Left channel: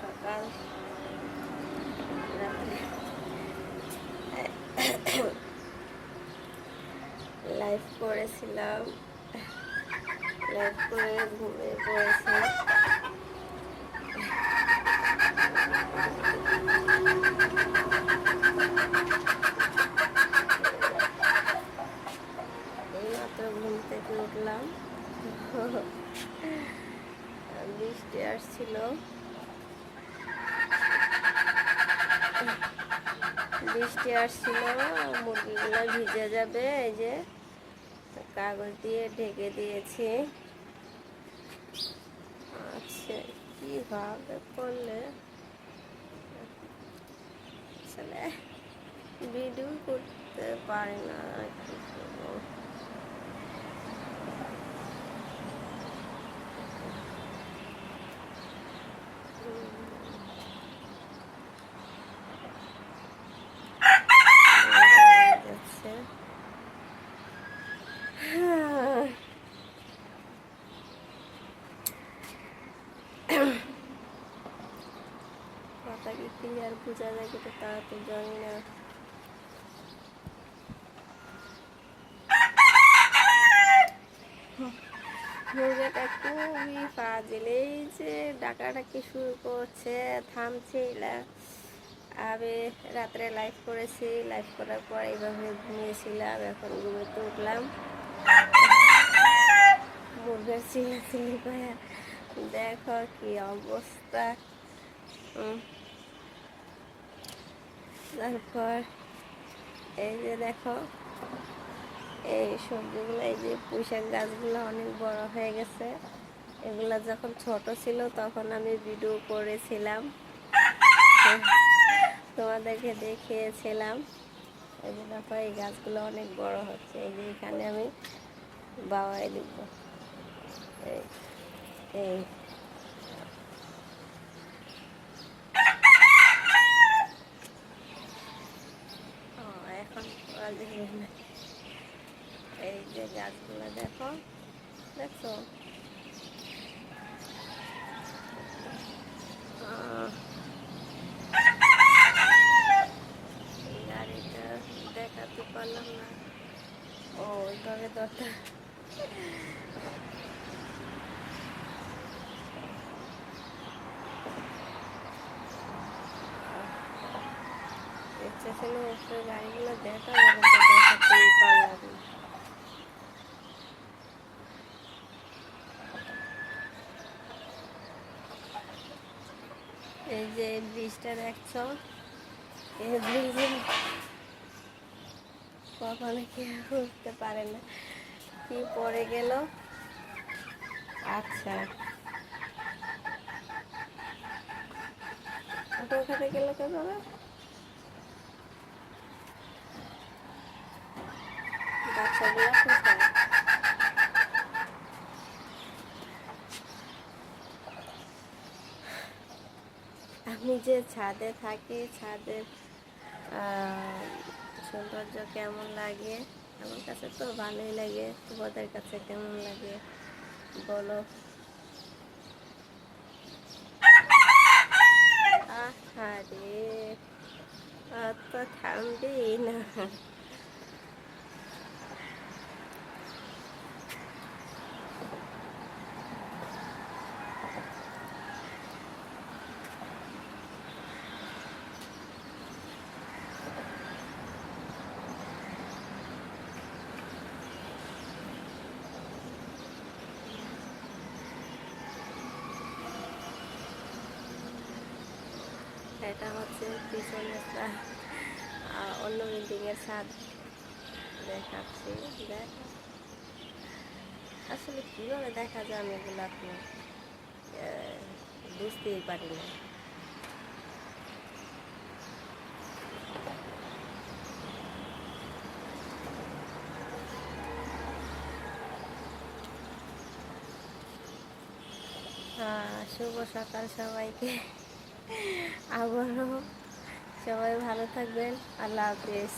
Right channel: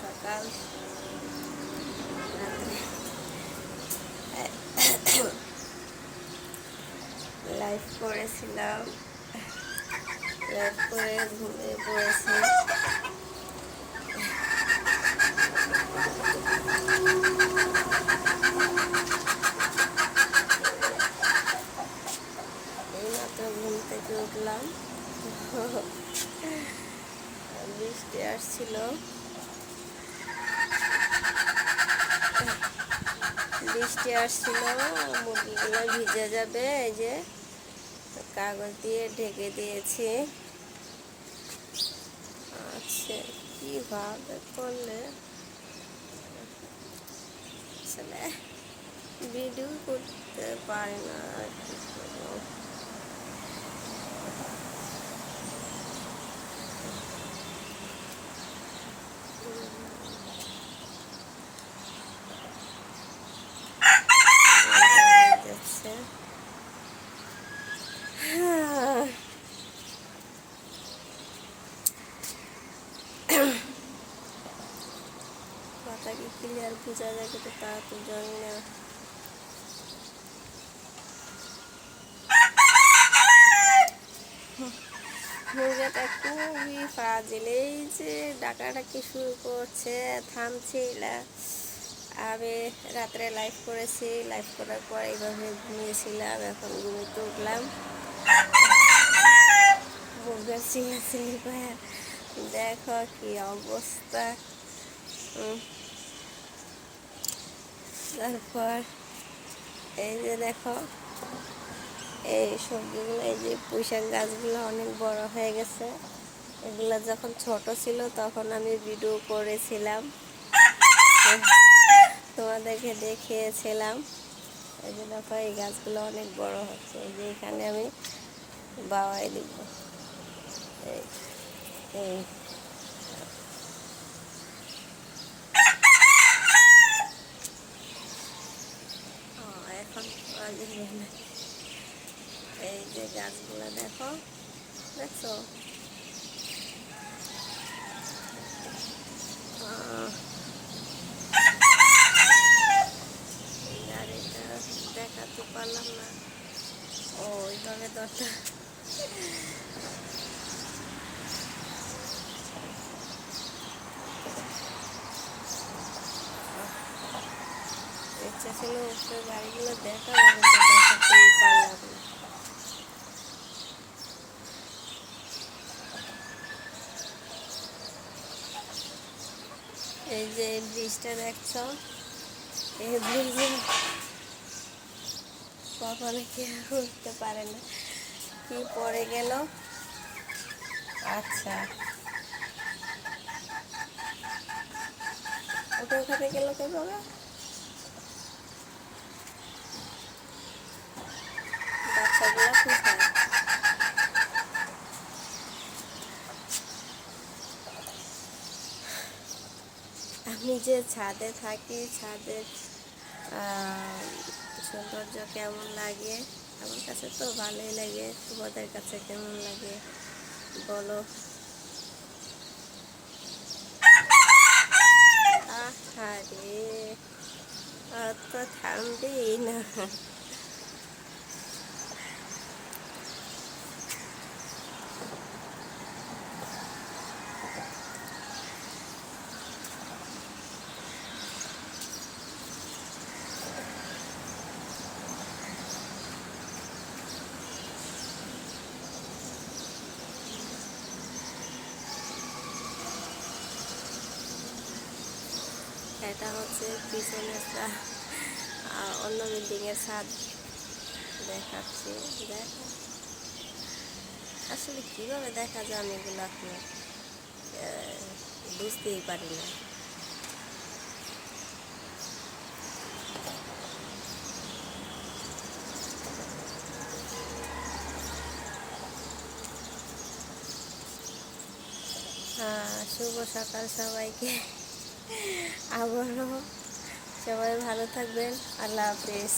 সকাল রাত্রে লাইভ করেছিলাম, লাইভ করে ঘুমিয়ে পড়েছি। এইমাত্র ঘুম থেকে উঠলাম, বৃষ্টি আসছিল, মুরগিগুলো ভিজে যাবে। এই যে কাগজ দিয়ে ঢেকে দিয়েছি। আচ্ছা, কীভাবে করলে আসলে ভিডিও করতে পারি না, কি করবো। যাচ্ছে কথা কি ক্লিয়ার বোঝা যায়, কিন্তু তা তো জানি না। মুরগিটা খুবই ফাজিল, এই যে ডাকাডাকি শুরু করছে, থামছে না। আমি রাত্রে লাইভ করেছি, লাইভ করার পর এইভাবে ঘুমিয়েছিলাম, এখন ঘুমিয়ে উঠলাম। মুরগির চিল্লাচিল্লি করে দেখো কি অবস্থা। তারপর এই যে দেখো এই সবজিগুলো, এই যে পুঁইশাক গাছগুলো অনেক বড় হয়ে গেছে। এগুলো যখন ছোট ছিল তখন আমি ভিডিও করেছিলাম, তোমাদেরকে দেখিয়েছিলাম। এই যে দেখো এই গাছগুলো অনেক বড় হচ্ছে। এই যে এখানে আমি বাওয়াই দিব। এই এই এখন এই যে গাছগুলো দেখো, দেখছো গাড়িটা দেখাতে পারলাম না। ও ওইভাবে দরটা ইচ্ছা ছিল উপরে গাড়িগুলো দেখাবো, কিন্তু দেখাতেই পারলাম না। এই যে ব্রিজটা দেখছো, এই ব্রিজে কখনো কেউ উঠতে পারে না। কি পড়ে গেল। আচ্ছা, ওটা ওখানে গেল কিভাবে? বাচ্চাগুলো কোথায়? আমি যে ছাদে থাকি, ছাদের সৌন্দর্য কেমন লাগে? আমার কাছে তো ভালোই লাগে, তোমাদের কাছে কেমন লাগে বলো। আরে আর তো থামবেই না। এটা হচ্ছে পিছনে অন্য বিল্ডিংয়ের ছাদ দেখাচ্ছি। দেখা আসলে কীভাবে দেখা যায় আমি এগুলো আপনার বুঝতেই পারি না। শুভ সকাল সবাইকে। আবারও সবাই ভালো থাকবেন। আল্লাহ হাফিজ।